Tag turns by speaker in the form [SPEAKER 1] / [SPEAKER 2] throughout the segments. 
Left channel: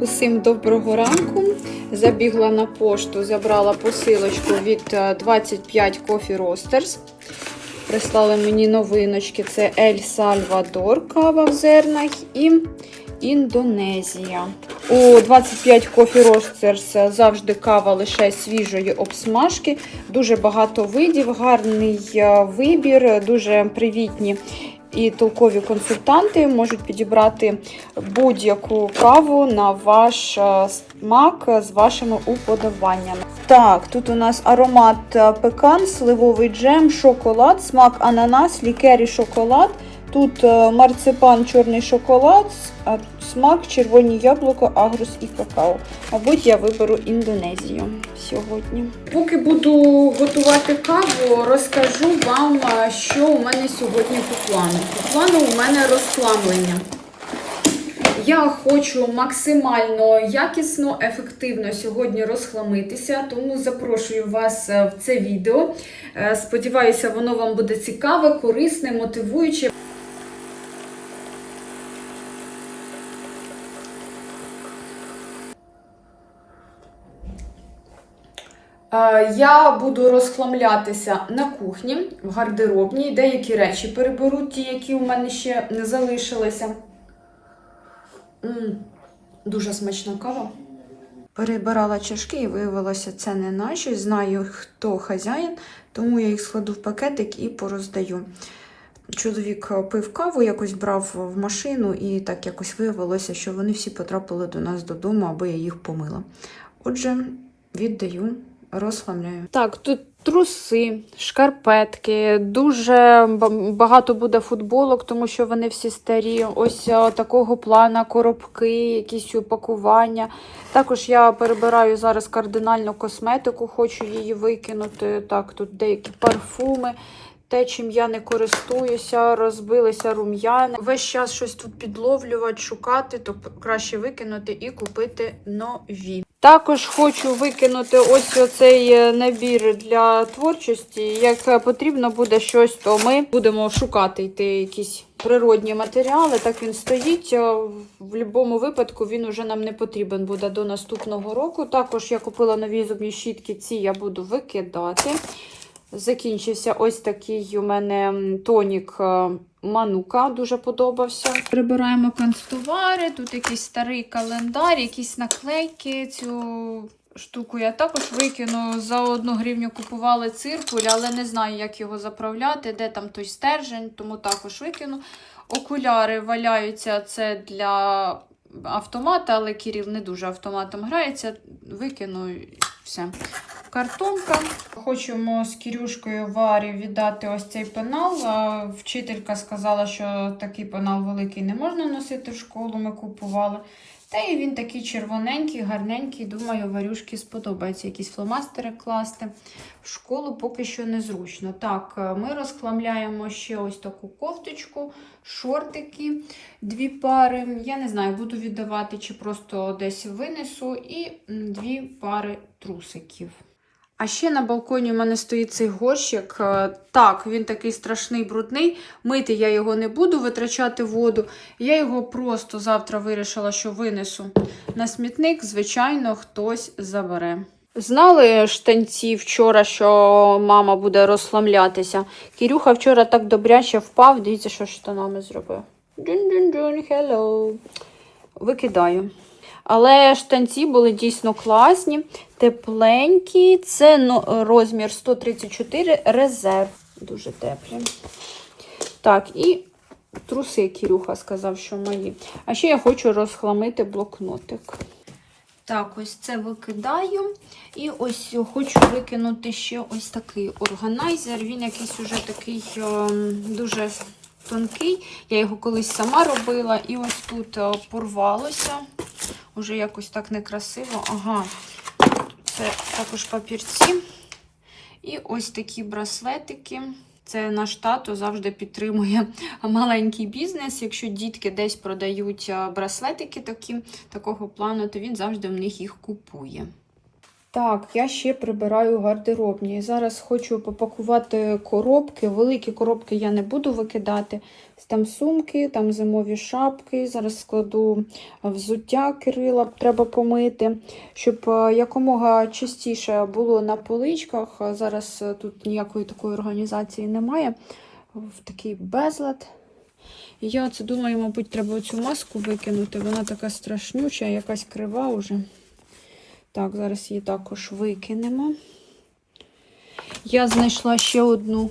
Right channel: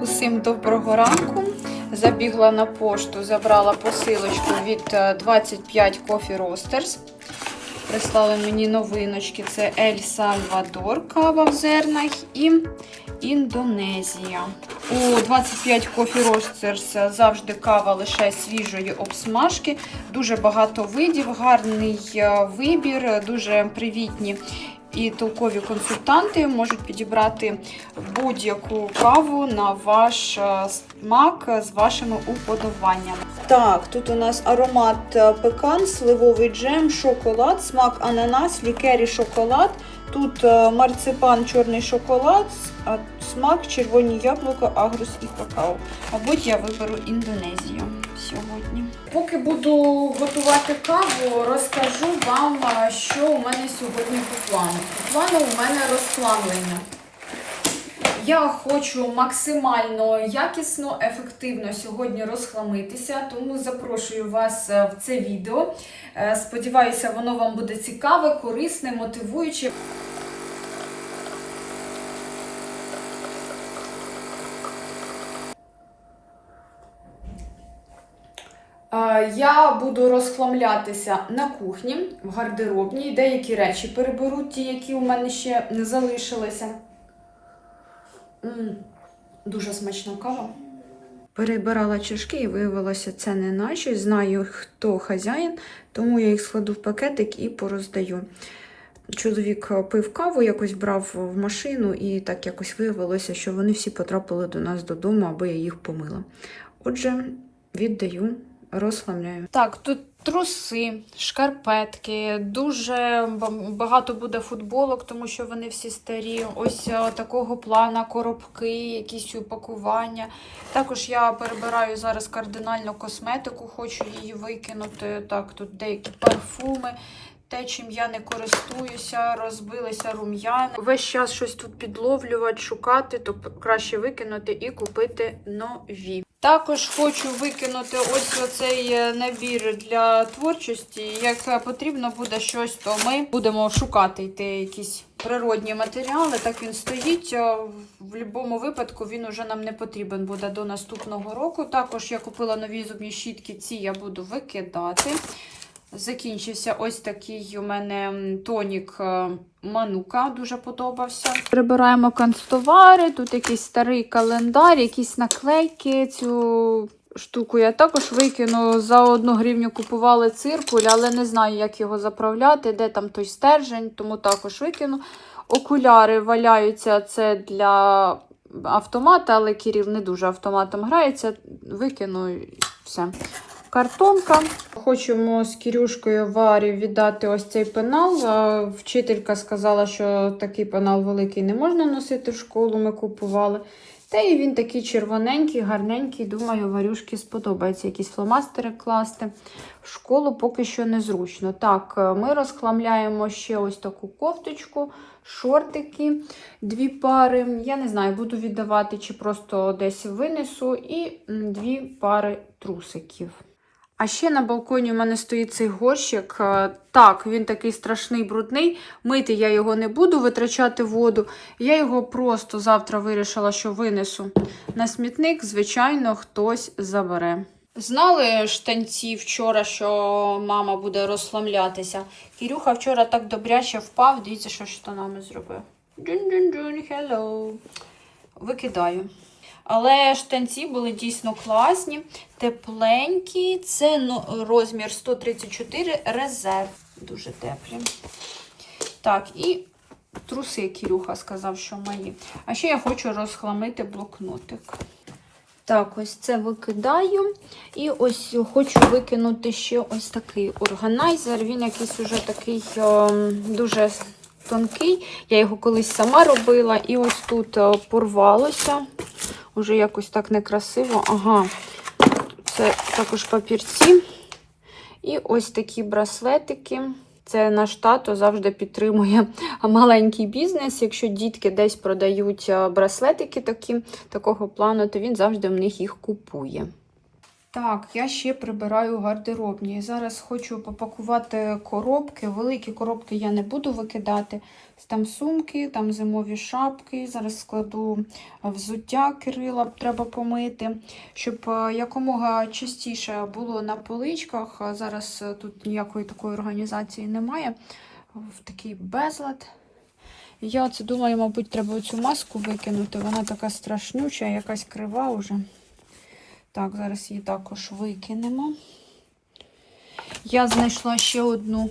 [SPEAKER 1] Усім доброго ранку. Забігла на пошту, забрала посилочку від е, 25 Coffee Roasters. Прислали мені новиночки: це Ель Сальвадор, кава в зернах і Індонезія. У 25 Coffee Roasters завжди кава лише свіжої обсмажки. Дуже багато видів, гарний е, вибір, дуже привітні і толкові консультанти можуть підібрати будь-яку каву на ваш е, смак з вашими уподобаннями. Так, тут у нас аромат е, пекан, сливовий джем, шоколад, смак ананас, лікері шоколад. Тут е, марципан, чорний шоколад, смак червоні яблука, агрус і какао. Мабуть, я виберу Індонезію сьогодні. Поки буду готувати каву, розкажу вам, що у мене сьогодні по плану. По плану у мене розхламлення. Я хочу максимально якісно, ефективно сьогодні розхламитися, тому запрошую вас е, в це відео. Е, Сподіваюся, воно вам буде цікаве, корисне, мотивуюче. Я буду розхламлятися на кухні, в гардеробній, деякі речі переберу, ті, які у мене ще не залишилися. М, Дуже смачна кава. Перебирала чашки і виявилося, це не наші. Знаю, хто хазяїн, тому я їх складу в пакетик і пороздаю. Чоловік пив каву, якось брав в машину, і так якось виявилося, що вони всі потрапили до нас додому, аби я їх помила. Отже, віддаю, розхламляю. Так, тут труси, шкарпетки, дуже багато буде футболок, тому що вони всі старі. Ось а, такого плана коробки, якісь упакування. Також я перебираю зараз кардинальну косметику, хочу її викинути. Так, тут деякі парфуми. Те, чим я не користуюся, розбилися рум'яни. Весь час щось тут підловлювати, шукати, то краще викинути і купити нові. Також хочу викинути ось оцей е, набір для творчості. Як потрібно буде щось, то ми будемо шукати йти якісь природні матеріали. Так він стоїть. В будь-якому випадку він уже нам не потрібен буде до наступного року. Також я купила нові зубні щітки, ці я буду викидати. Закінчився ось такий у мене тонік е, Манука, дуже подобався. Прибираємо канцтовари, тут якийсь старий календар, якісь наклейки. Цю штуку я також викину. За одну гривню купували циркуль, але не знаю, як його заправляти, де там той стержень, тому також викину. Окуляри валяються це для автомата, але Кіріл не дуже автоматом грається. Викину і все. Картонка. Хочемо з Кірюшкою Варі віддати ось цей пенал. Вчителька сказала, що такий пенал великий не можна носити в школу. Ми купували. Та і він такий червоненький, гарненький. Думаю, варюшки сподобається якісь фломастери класти. В школу поки що незручно. Так, ми розхламляємо ще ось таку кофточку, шортики, дві пари. Я не знаю, буду віддавати чи просто десь винесу, і дві пари трусиків. А ще на балконі у мене стоїть цей горщик. Е, Так, він такий страшний брудний. Мити я його не буду, витрачати воду. Я його просто завтра вирішила, що винесу на смітник. Звичайно, хтось забере. Знали штанці вчора, що мама буде розслаблятися. Кірюха вчора так добряче впав. Дивіться, що штанами зробив. Джун-джун-джун, hello. Викидаю. Але штанці були дійсно класні, тепленькі. Це ну, розмір 134 резерв. Дуже теплі. Так, і труси Кірюха сказав, що мої. А ще я хочу розхламити блокнотик. Так, ось це викидаю. І ось хочу викинути ще ось такий органайзер. Він якийсь уже такий о, дуже тонкий. Я його колись сама робила. І ось тут порвалося. Уже якось так некрасиво. Ага, це також папірці. І ось такі браслетики. Це наш тато завжди підтримує маленький бізнес. Якщо дітки десь продають е, браслетики такі, такого плану, то він завжди в них їх купує. Так, я ще прибираю гардеробні. Зараз хочу попакувати коробки. Великі коробки я не буду викидати. Там сумки, там зимові шапки. Зараз складу взуття Кирила, треба помити, щоб е, якомога частіше було на поличках. Зараз е, тут ніякої такої організації немає. В такий безлад. Я оце думаю, мабуть, треба цю маску викинути. Вона така страшнюча, якась крива вже. Так, зараз її також викинемо. Я знайшла ще одну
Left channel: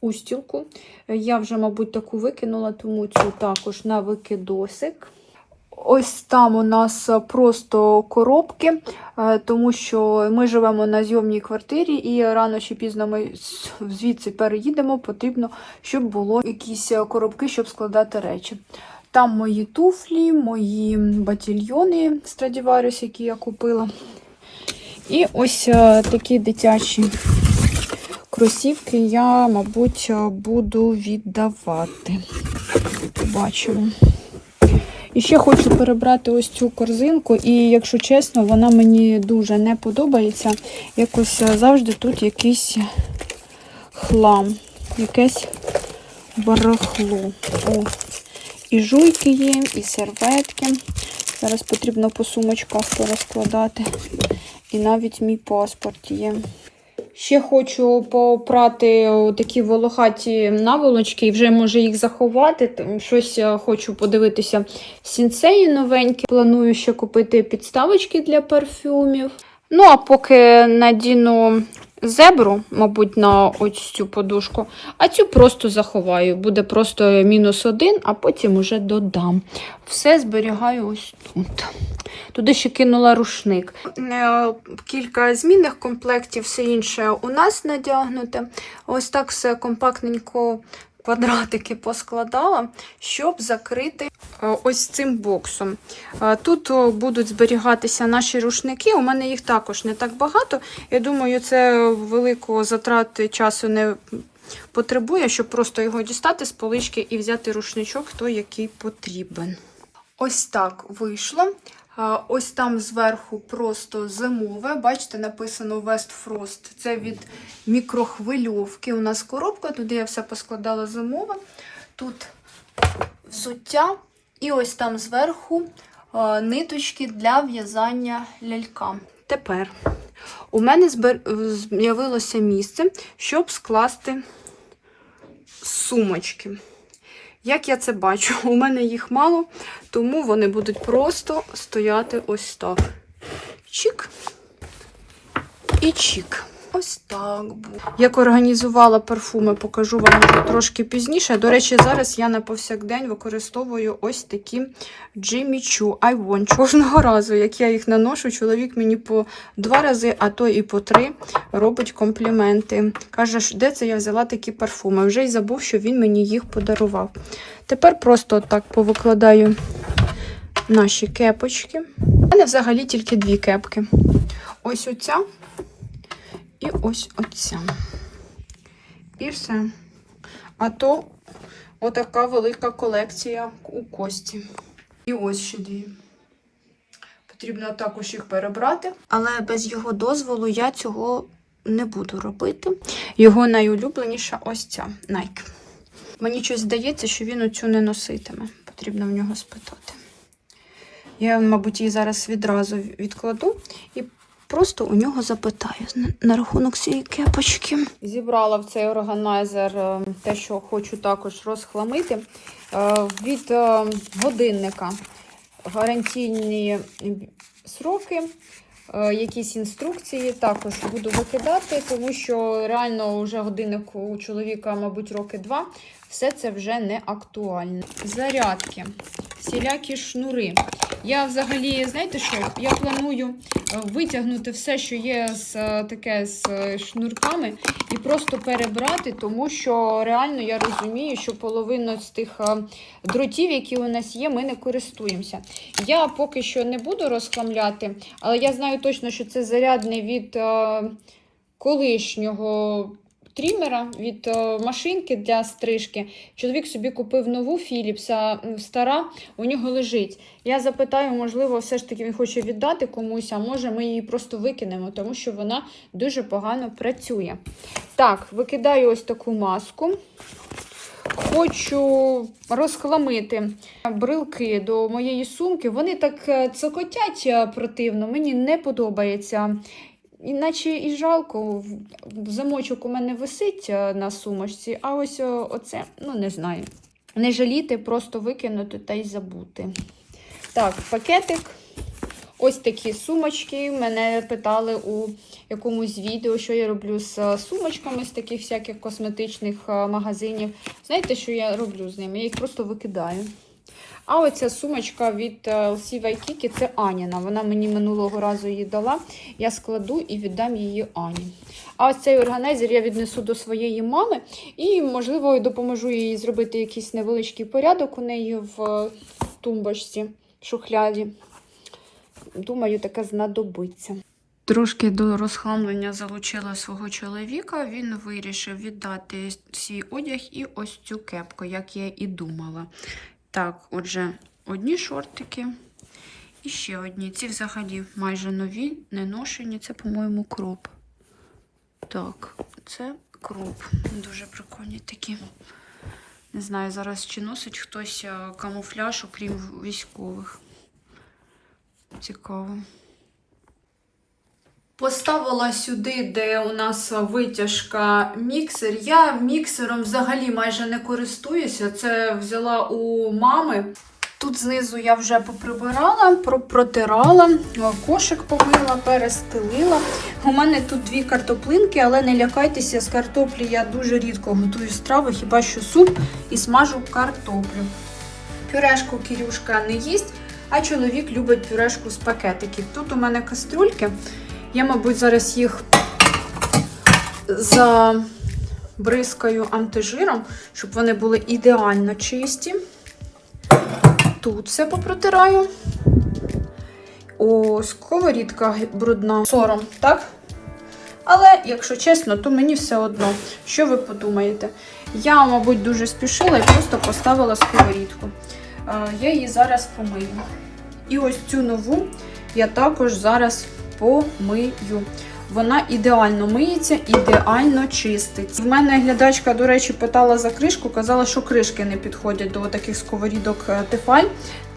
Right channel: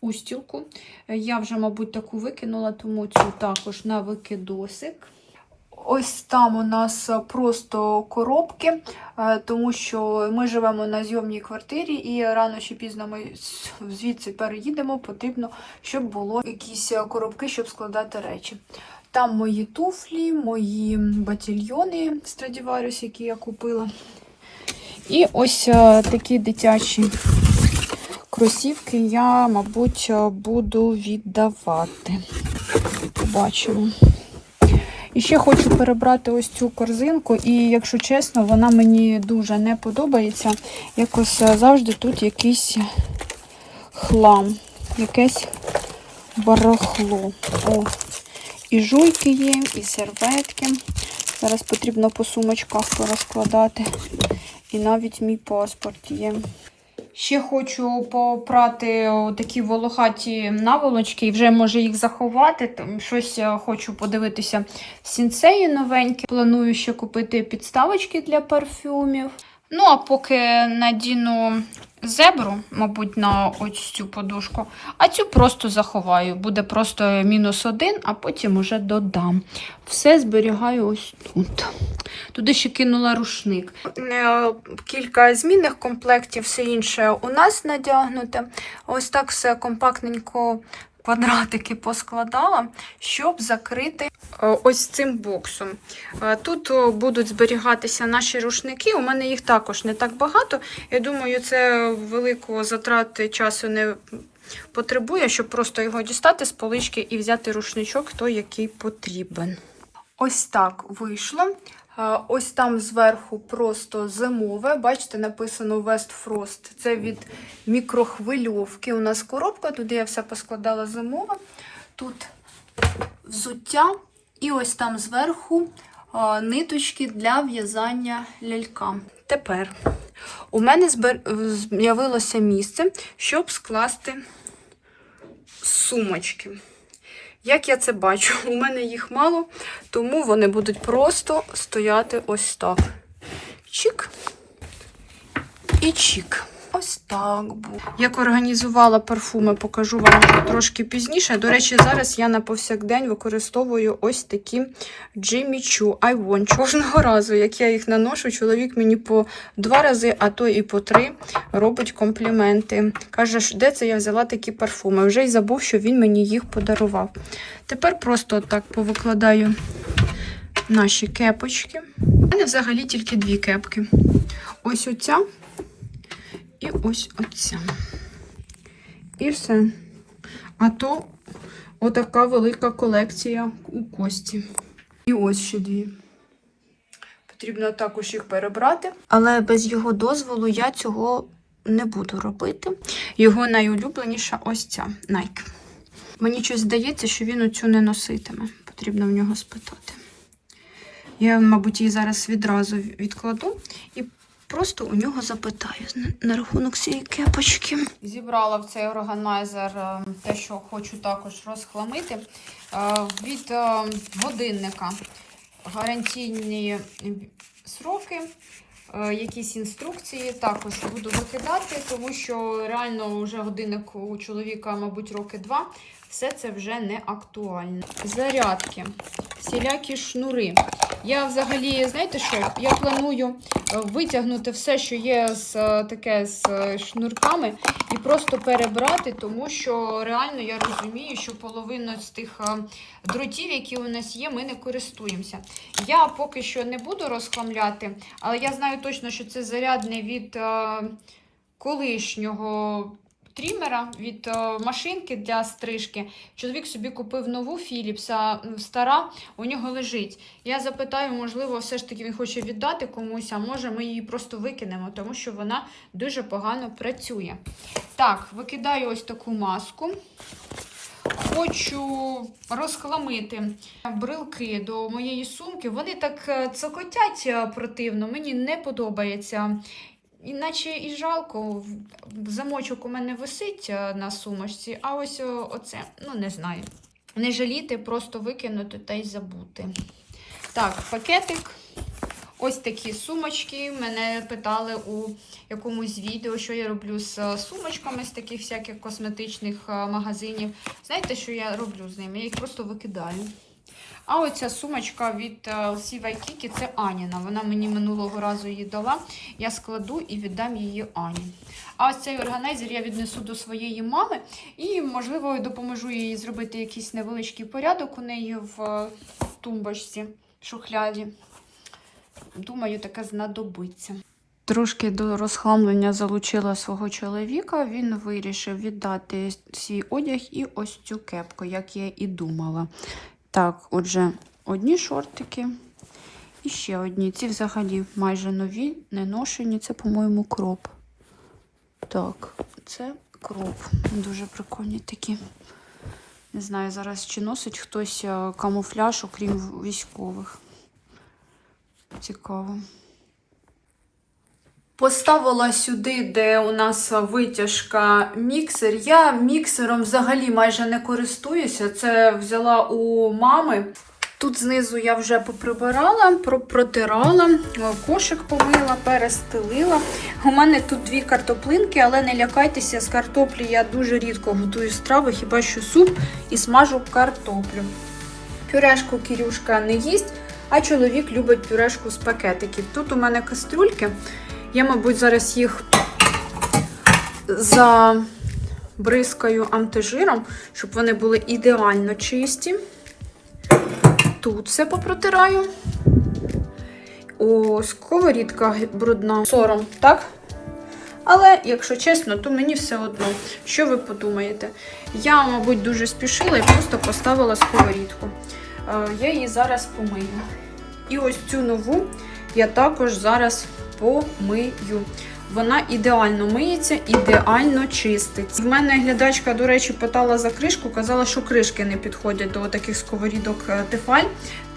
[SPEAKER 1] устілку. Я вже, мабуть, таку викинула, тому цю також на викидосик. Ось там у нас просто коробки, е, тому що ми живемо на зйомній квартирі, і рано чи пізно ми звідси переїдемо. Потрібно, щоб було якісь коробки, щоб складати речі. Там мої туфлі, мої батільйони Stradivarius, які я купила. І ось е, такі дитячі кросівки я, мабуть, е, буду віддавати. Побачимо. І ще хочу перебрати ось цю корзинку, і, якщо чесно, вона мені дуже не подобається. Якось е, завжди тут якийсь хлам, якесь барахло. О, і жуйки є, і серветки. Зараз потрібно по сумочках порозкладати. І навіть мій паспорт є. Ще хочу попрати такі волохаті наволочки і вже може їх заховати. Щось е, хочу подивитися сінцеї новенькі. Планую ще купити підставочки для парфюмів. Ну, а поки надіну зебру, мабуть, на ось цю подушку, а цю просто заховаю. Буде просто мінус один, а потім уже додам. Все зберігаю ось тут. Туди ще кинула рушник. Е, Кілька змінних комплектів, все інше у нас надягнуте. Ось так все компактненько квадратики поскладала, щоб закрити е, ось цим боксом. Е, Тут будуть зберігатися наші рушники. У мене їх також не так багато. Я думаю, це великого затрати часу не потребує, щоб просто його дістати з полички і взяти рушничок, той, який потрібен. Ось так вийшло. Ось там зверху просто зимове. Бачите, написано West Frost. Це від мікрохвильовки. У нас коробка, туди я все поскладала зимове. Тут взуття. І ось там зверху ниточки для в'язання лялька. Тепер у мене з'явилося місце, щоб скласти сумочки. Як я це бачу, у мене їх мало, тому вони будуть просто стояти ось так. Чик і чик. Ось так буде. Як організувала парфуми, покажу вам трошки пізніше. До речі, зараз я на повсякдень використовую ось такі Jimmy Choo I Want You. Кожного разу, як я їх наношу, чоловік мені по два рази, а то і по три робить компліменти. Каже, де це я взяла такі парфуми. Вже й забув, що він мені їх подарував. Тепер просто так повикладаю наші кепочки. У мене взагалі тільки дві кепки. Ось оця і ось оця. І все. А то отака велика колекція у кості. І ось ще дві. Потрібно також їх перебрати. Але без його дозволу я цього не буду робити. Його найулюбленіша ось ця Nike. Мені щось здається, що він оцю не носитиме. Потрібно в нього спитати. Я, мабуть, її зараз відразу відкладу і просто у нього запитаю на, рахунок цієї кепочки. Зібрала в цей органайзер е, те, що хочу також розхламити. Е, Від е, годинника гарантійні сроки. Якісь інструкції також буду викидати, тому що реально вже годинник у чоловіка, мабуть, роки два. Все це вже не актуально. Зарядки, всілякі шнури. Я взагалі, знаєте що? Я планую е, витягнути все, що є з е, таке з е, шнурками, і просто перебрати, тому що реально я розумію, що половина з тих дротів, які у нас є, ми не користуємося. Я поки що не буду розхламляти, але я знаю точно, що це зарядне від колишнього трімера від е, машинки для стрижки. Чоловік собі купив нову Philips, а м, стара у нього лежить. Я запитаю, можливо, все ж таки він хоче віддати комусь, а може ми її просто викинемо, тому що вона дуже погано працює. Так, викидаю ось таку маску. Хочу розхламити брилки до моєї сумки. Вони так е, цокотять е, противно, мені не подобається. Іначе і жалко, замочок у мене висить е, на сумочці, а ось о, оце, ну не знаю. Не жаліти, просто викинути та й забути. Так, пакетик. Ось такі сумочки. Мене питали у якомусь відео, що я роблю з е, сумочками з таких всяких косметичних е, магазинів. Знаєте, що я роблю з ними? Я їх просто викидаю. А оця сумочка від е, LC Waikiki, це Аніна. Вона мені минулого разу її дала. Я складу і віддам її Ані. А ось цей органайзер я віднесу до своєї мами і, можливо, допоможу їй зробити якийсь невеличкий порядок у неї в е, тумбочці, в шухляді. Думаю, таке знадобиться. Трошки до розхламлення залучила свого чоловіка. Він вирішив віддати свій одяг і ось цю кепку, як я і думала. Так, отже, одні шортики і ще одні. Ці взагалі майже нові, не ношені. Це, по-моєму, кроп. Так, це кроп. Дуже прикольні такі. Не знаю, зараз чи носить хтось е, камуфляж, окрім військових. Цікаво. Поставила сюди, де у нас витяжка міксер. Я міксером взагалі майже не користуюся. Це взяла у мами. Тут знизу я вже поприбирала, про- протирала, кошик помила, перестелила. У мене тут дві картоплинки, але не лякайтеся, з картоплі я дуже рідко готую страви, хіба що суп і смажу картоплю. Пюрешку Кірюшка не їсть, а чоловік любить пюрешку з пакетиків. Тут у мене кастрюльки. Я, мабуть, зараз їх забризкаю антижиром, щоб вони були ідеально чисті. Тут все попротираю. О, сковорідка брудна. Сором, так? Але, якщо чесно, то мені все одно. Що ви подумаєте? Я, мабуть, дуже спішила і просто поставила сковорідку. Е, Я її зараз помию. І ось цю нову я також зараз помию. Вона ідеально миється, ідеально чистить. В мене глядачка, до речі, питала за кришку, казала, що кришки не підходять до таких сковорідок е, Tefal.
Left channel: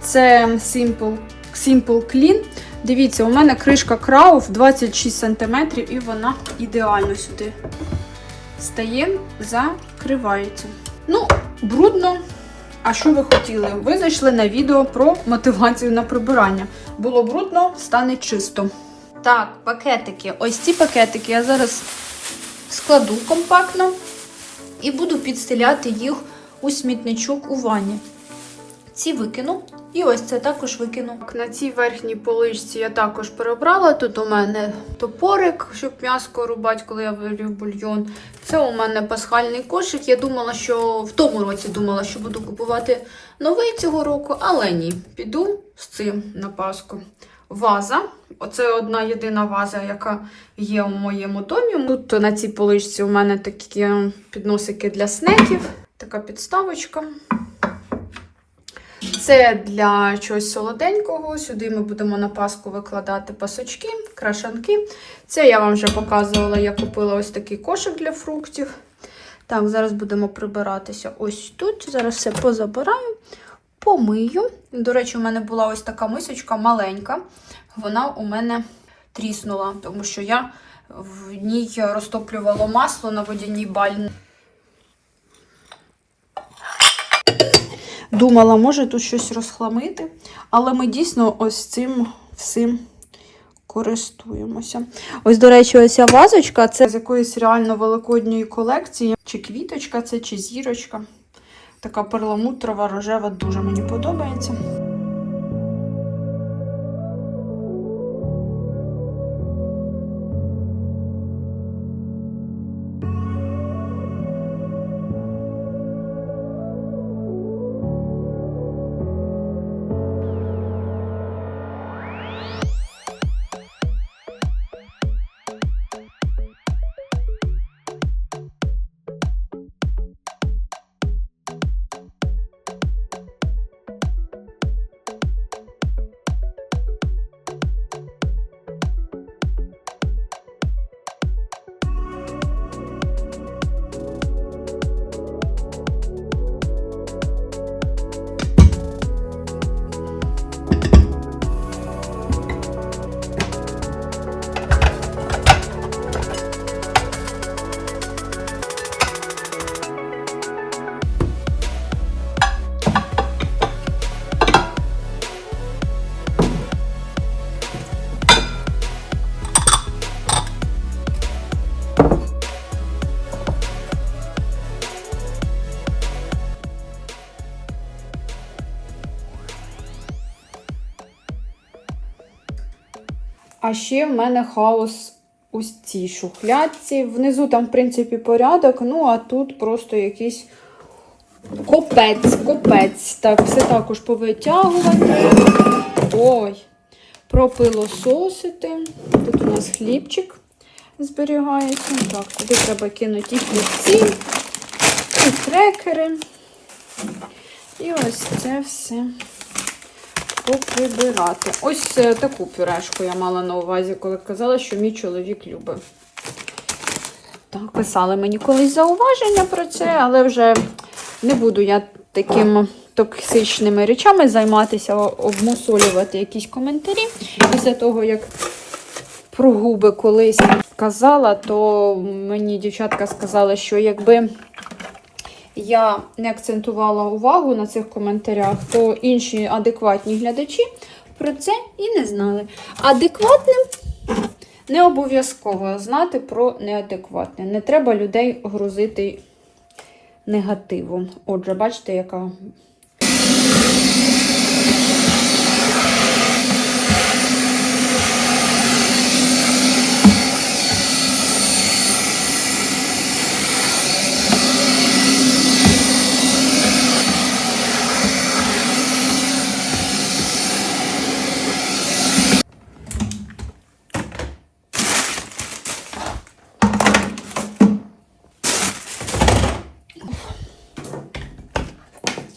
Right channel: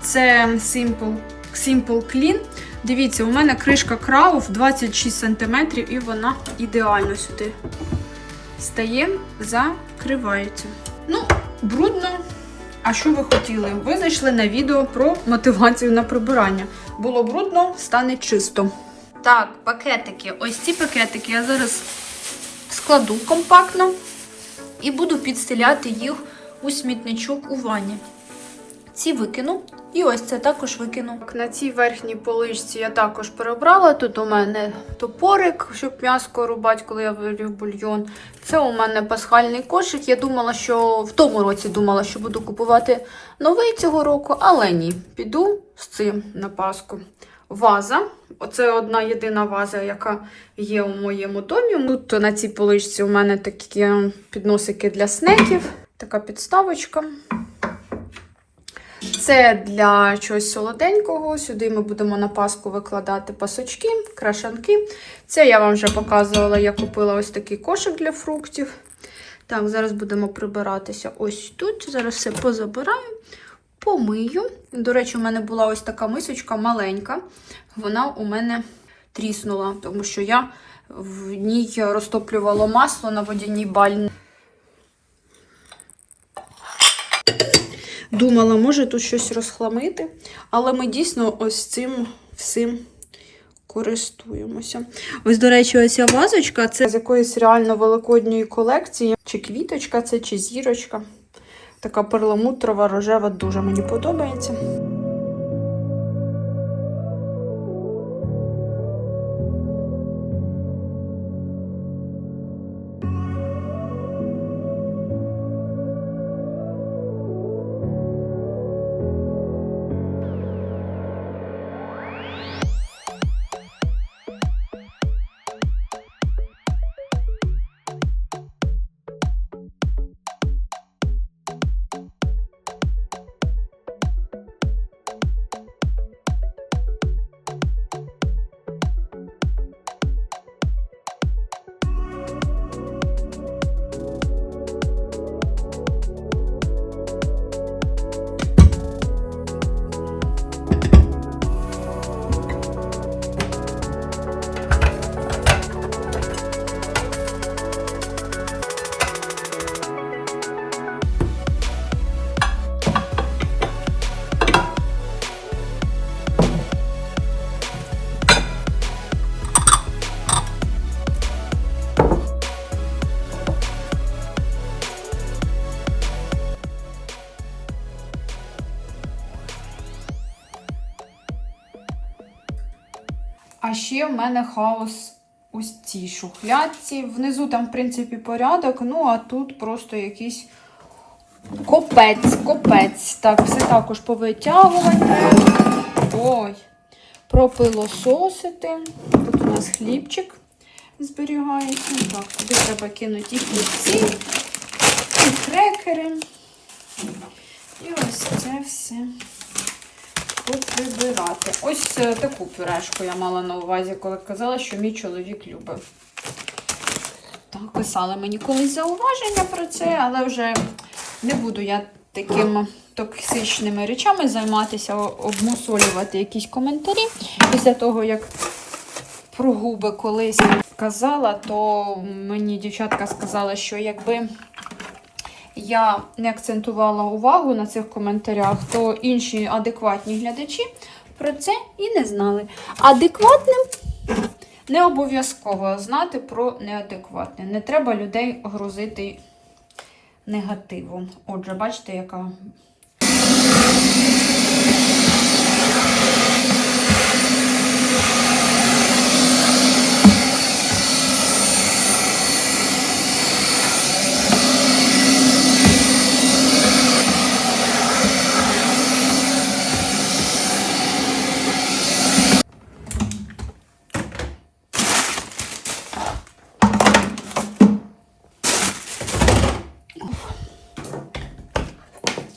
[SPEAKER 1] Це Simple, Simple Clean. Дивіться, у мене кришка Крауф 26 см і вона ідеально сюди стає, закривається. Ну, брудно. А що ви хотіли? Ви знайшли на відео про мотивацію на прибирання. Було брудно, стане чисто. Так, пакетики. Ось ці пакетики я зараз складу компактно і буду підстеляти їх у смітничок у ванні. Ці викину. І ось це також викину. На цій верхній поличці я також перебрала. Тут у мене топорик, щоб м'яско рубати, коли я варю бульйон. Це у мене пасхальний кошик. Я думала, що в тому році думала, що буду купувати новий цього року, але ні. Піду з цим на Пасху. Ваза. Оце одна єдина ваза, яка є у моєму домі. Тут на цій поличці у мене такі підносики для снеків, така підставочка. Це для чогось солоденького. Сюди ми будемо на паску викладати пасочки, крашанки. Це я вам вже показувала, я купила ось такий кошик для фруктів. Так, зараз будемо прибиратися ось тут. Зараз все позабираю, помию. До речі, у мене була ось така мисочка маленька. Вона у мене тріснула, тому що я в ній розтоплювала масло на водяній бальні. Думала, може тут щось розхламити, але ми дійсно ось цим всім користуємося. Ось, до речі, оця вазочка це з якоїсь реально великодньої колекції. Чи квіточка це, чи зірочка. Така перламутрова, рожева, дуже мені подобається. А ще в мене хаос у цій шухлядці. Внизу там, в принципі, порядок, ну а тут просто якийсь копець, копець. Так, все також повитягувати. Ой, пропилососити. Тут у нас хлібчик зберігається. Так, туди треба кинути і хлібці, і крекери. І ось це все поприбирати. Ось е, таку пюрешку я мала на увазі, коли казала, що мій чоловік любить. Так, писали мені колись зауваження про це, але вже не буду я такими токсичними речами займатися, обмусолювати якісь коментарі. Після того, як про губи колись казала, то мені дівчатка сказала, що якби я не акцентувала увагу на цих коментарях, то інші адекватні глядачі про це і не знали. Адекватним не обов'язково знати про неадекватне. Не треба людей грузити негативом. Отже, бачите, яка.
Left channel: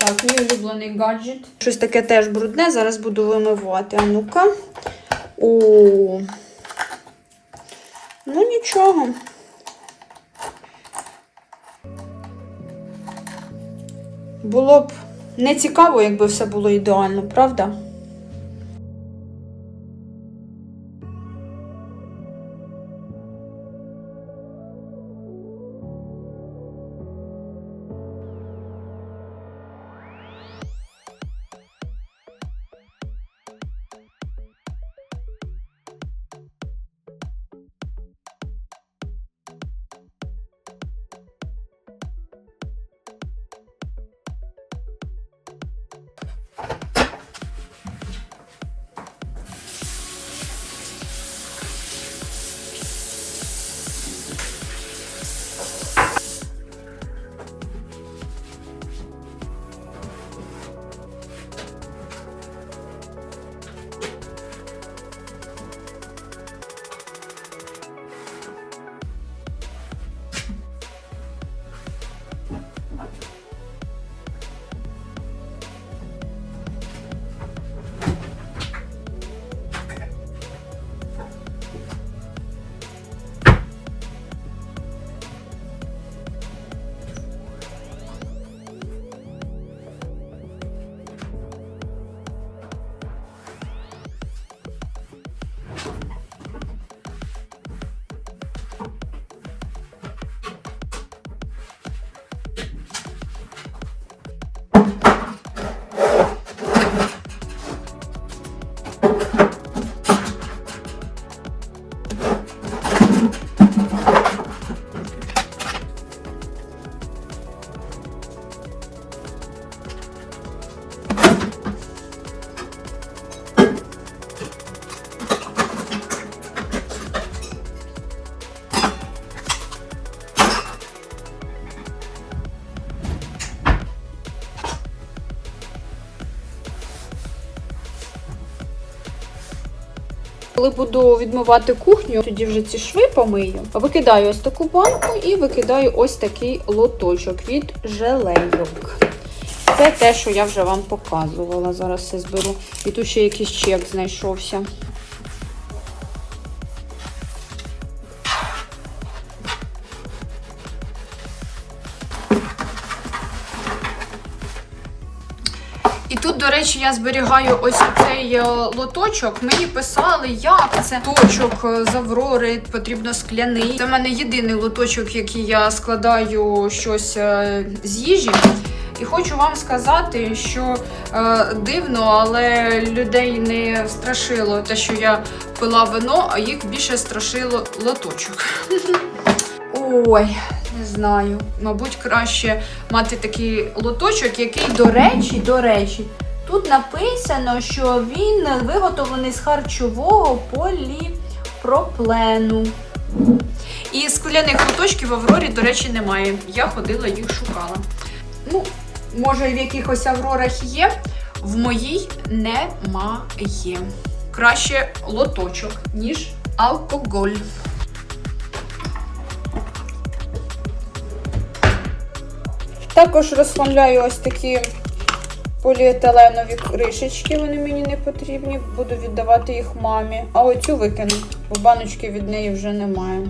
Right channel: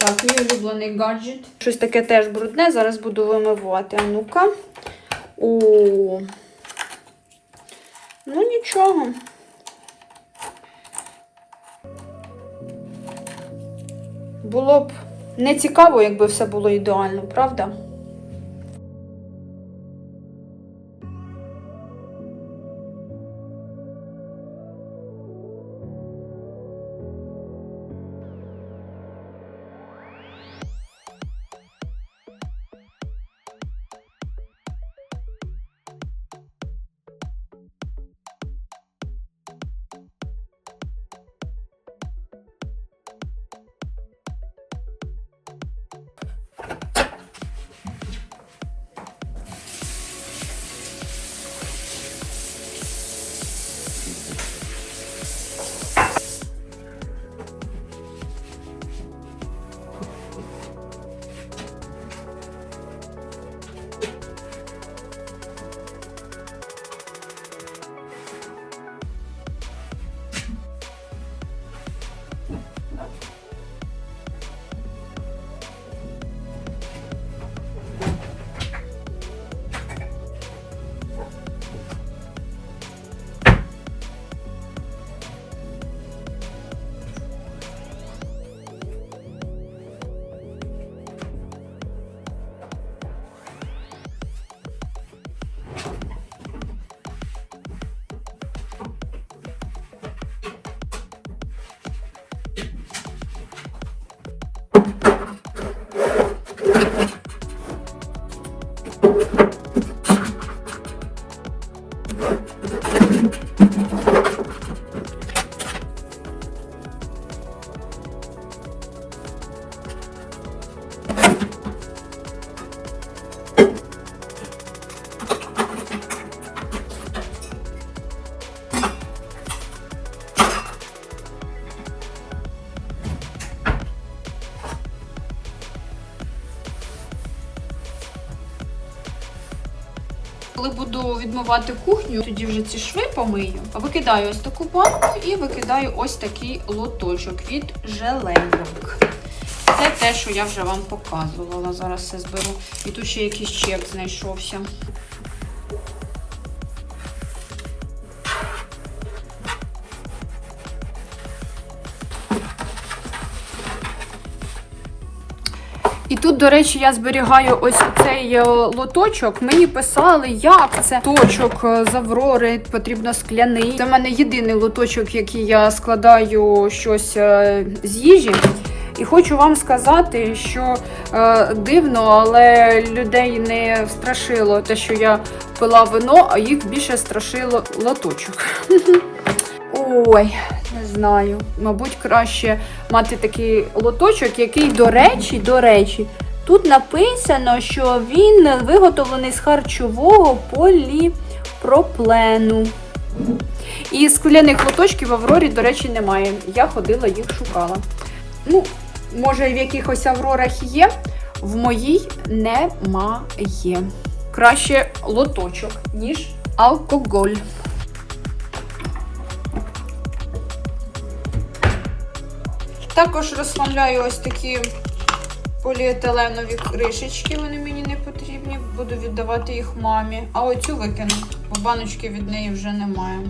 [SPEAKER 1] Так, мій улюблений гаджет. Щось таке теж брудне, зараз буду вимивати. А ну-ка. О. Ну нічого. Було б не цікаво, якби все було ідеально, правда? Коли буду відмивати кухню, тоді вже ці шви помию. Викидаю ось таку банку і викидаю ось такий лоточок від желейок. Це те, що я вже вам показувала. Зараз все зберу. І тут ще якийсь чек знайшовся. Тут, до речі, я зберігаю ось цей е, лоточок. Мені писали, як це лоточок е, з Аврори потрібно скляний. Це в мене єдиний лоточок, який я складаю щось е, з їжі. І хочу вам сказати, що дивно, але людей не страшило те, що я пила вино, а їх більше страшило лоточок. Ой, знаю. Мабуть, краще мати такий лоточок, який, до речі, до речі, тут написано, що він виготовлений з харчового поліпроплену. І скляних лоточків в Аврорі, до речі, немає. Я ходила їх шукала. Ну, може, в якихось Аврорах є, в моїй немає. Краще лоточок, ніж алкоголь. Також розслабляю ось такі поліетиленові кришечки, вони мені не потрібні. Буду віддавати їх мамі. А оцю викину, бо баночки від неї вже немає.